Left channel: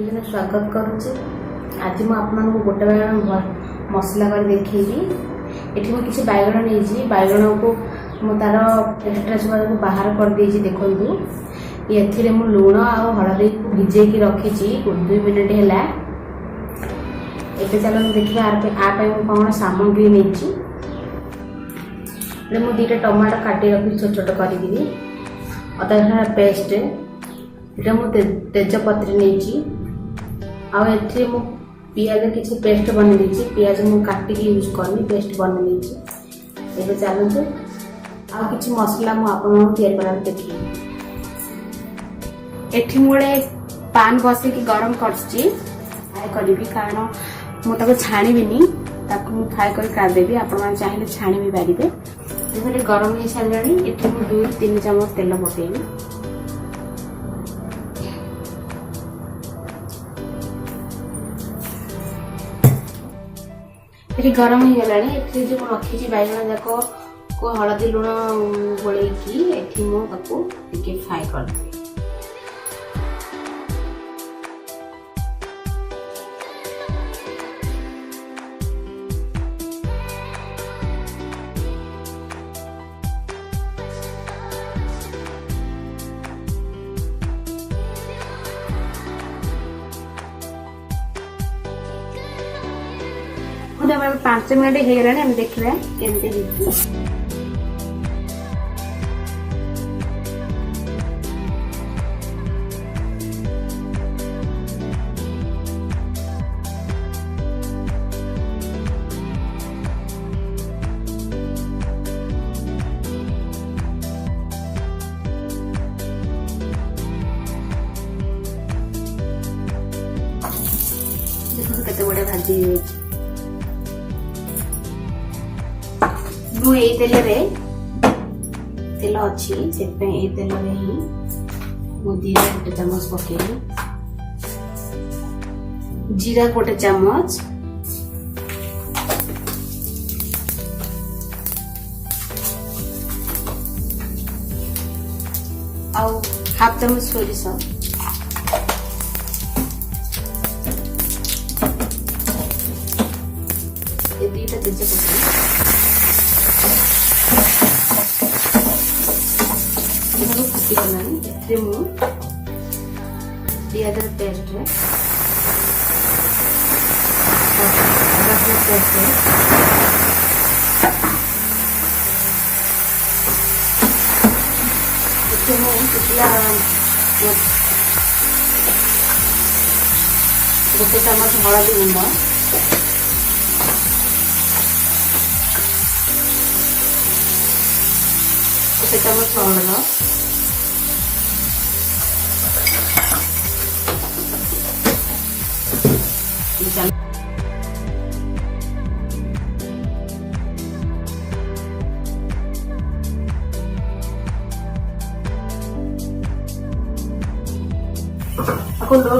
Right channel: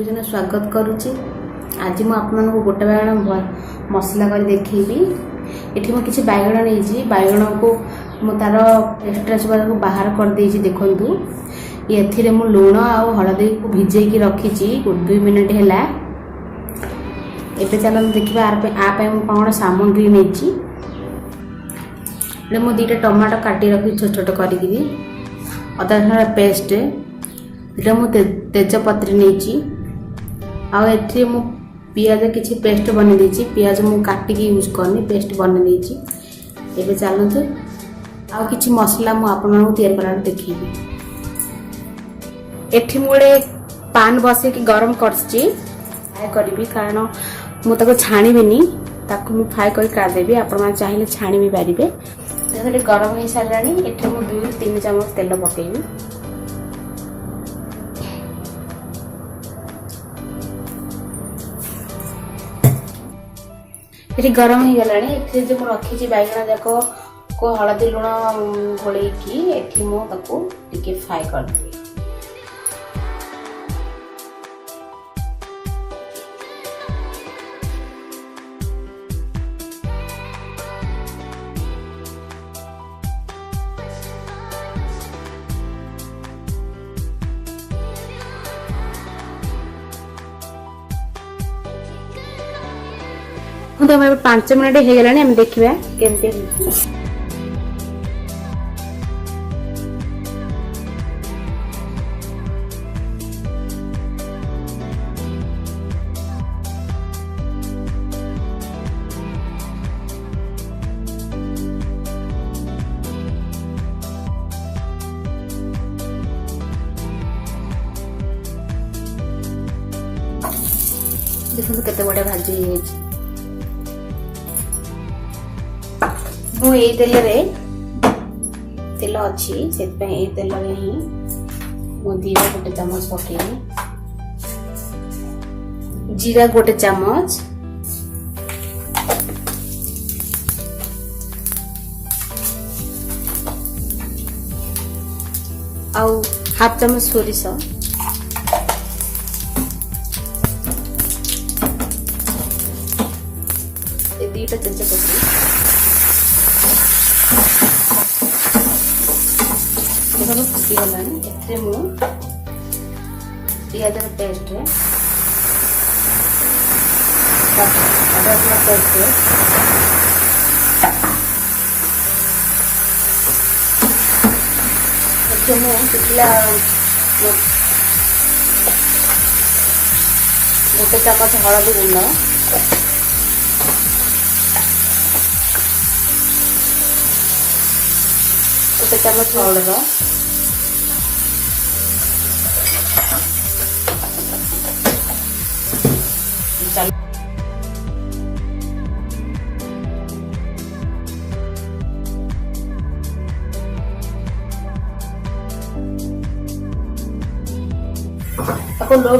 सबुजन स्वागत करुच्ची। आज मुझे गोटे बैगण मसला कर देखी। ये मुझे बैगण नहीं बैगण को तार एक्सट्रा चुआ को बाहर कर दे देखु। ये मु लुण आ हलदी को भिजे रखी 2 मिनट है। चल देखा आप कौन सामग्री नहीं। मुझे 2टा टमाटो काटी रखी छोट छोट करी। अदा रसुण पेस्ट ये मुझे तेजपत्र नहीं। आए मु पियाज किसी पेस्ट बन देती। पियाज मुझे काटिक यूज करनी पेस्ट बन देती। ये चलते आ कि मसला मुझे या देखी। एठी मुझे पान बसई गरम करी कारण मुझे छाणीबी फ्राए कर काटदेवी। आप चाहिए छाणी भी पारे। गरम हो सारा ये 2-3 चम्मच तेल पकेबी। ये गरम हो गला जो रखी बैगण जाक को हलदी लुण गोलैकी मुझे फ्राए करदेवी। मुझे 5 मिनट हो गला। देखा केमती देखो केते बड़े भाजी मु तेल अच्छी से तेल ही मु जीरा 1 चम्मच पकेबी। जीरा 1 चम्मच आउ 1/2 चम्मच सोरिष ये 2टा तेजपत्र फुटीगला। पियाज पेस्ट रसुण पेस्ट शुक्ला 1 चम्मच हलदी गुंड 1 चम्मच हलद लो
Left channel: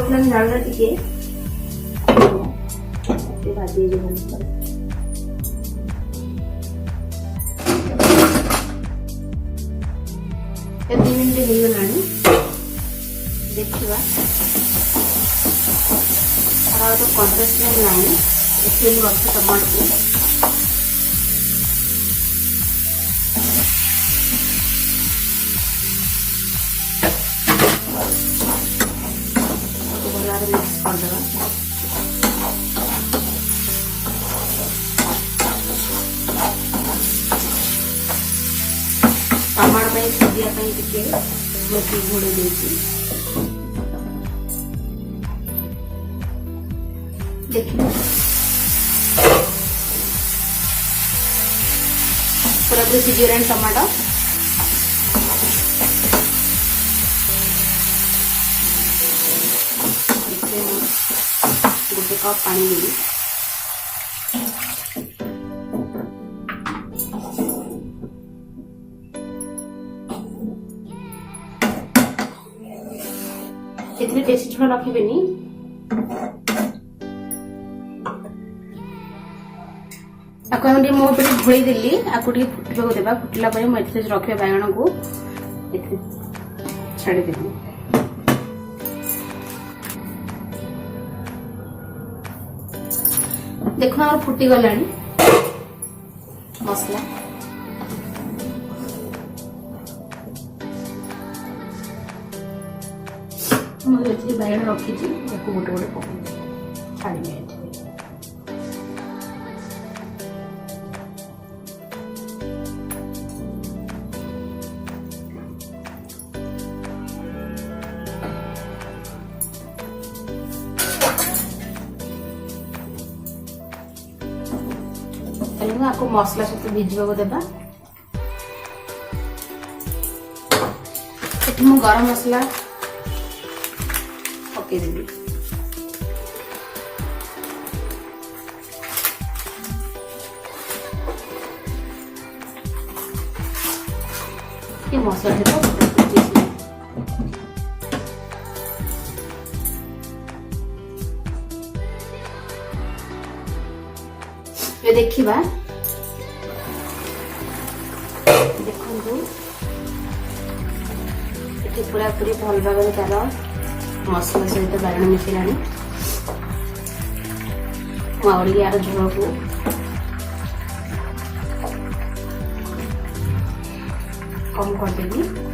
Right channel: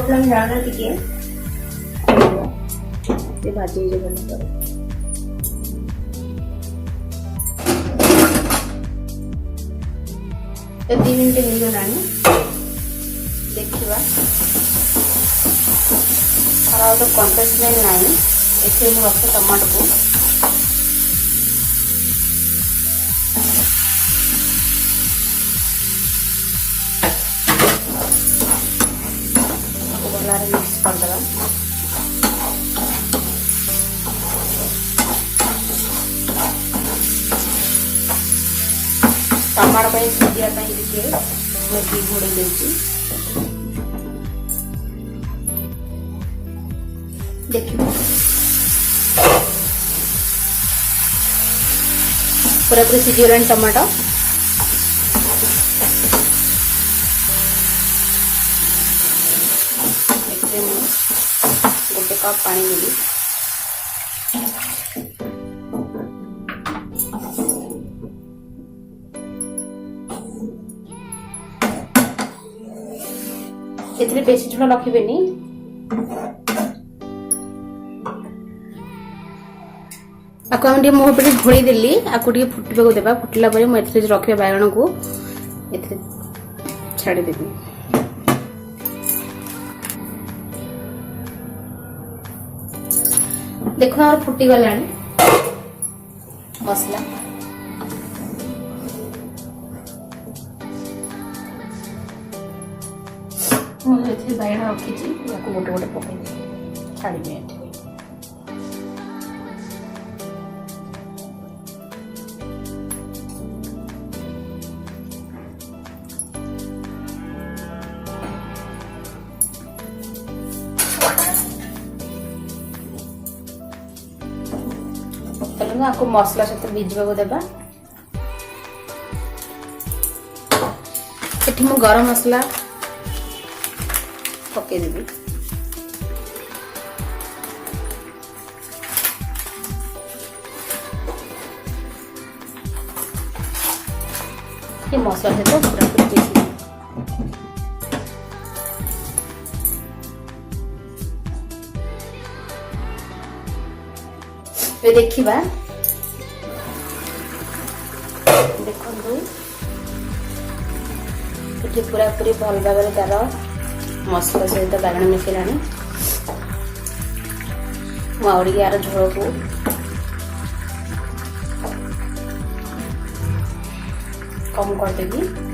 फ्लेम डालना टिके भाजी बंद कर। ये 3 मिनट होगा देखा और कंटेस्ट ना ये रखे टमाटो को मिक्स करदे। टमाटो सीझा मेथी घोड़े देखिए पूरा पूरी सीझीगला टमाटो। गोटे कप पानी देवी। एथरे बेसी झोल रखिबेनी। आको मुझे पे घोड़ी देली आपको फुटा को देवा। फुटला मुझे रखा बैगण को छाड़ी देवी। देखो और फुटी गलानी मसला मुझे बैगन रखी गोटे गोटे पकड़ छाड़ी आपको मसला सहित भिजवा देबा एठी मु गरम मसला पके देबी ये मसला सहित ये देखिबा देखो पूरा पूरी भल भाव तार मसला सहित बागण मिसला यार झोल को कम करदेवी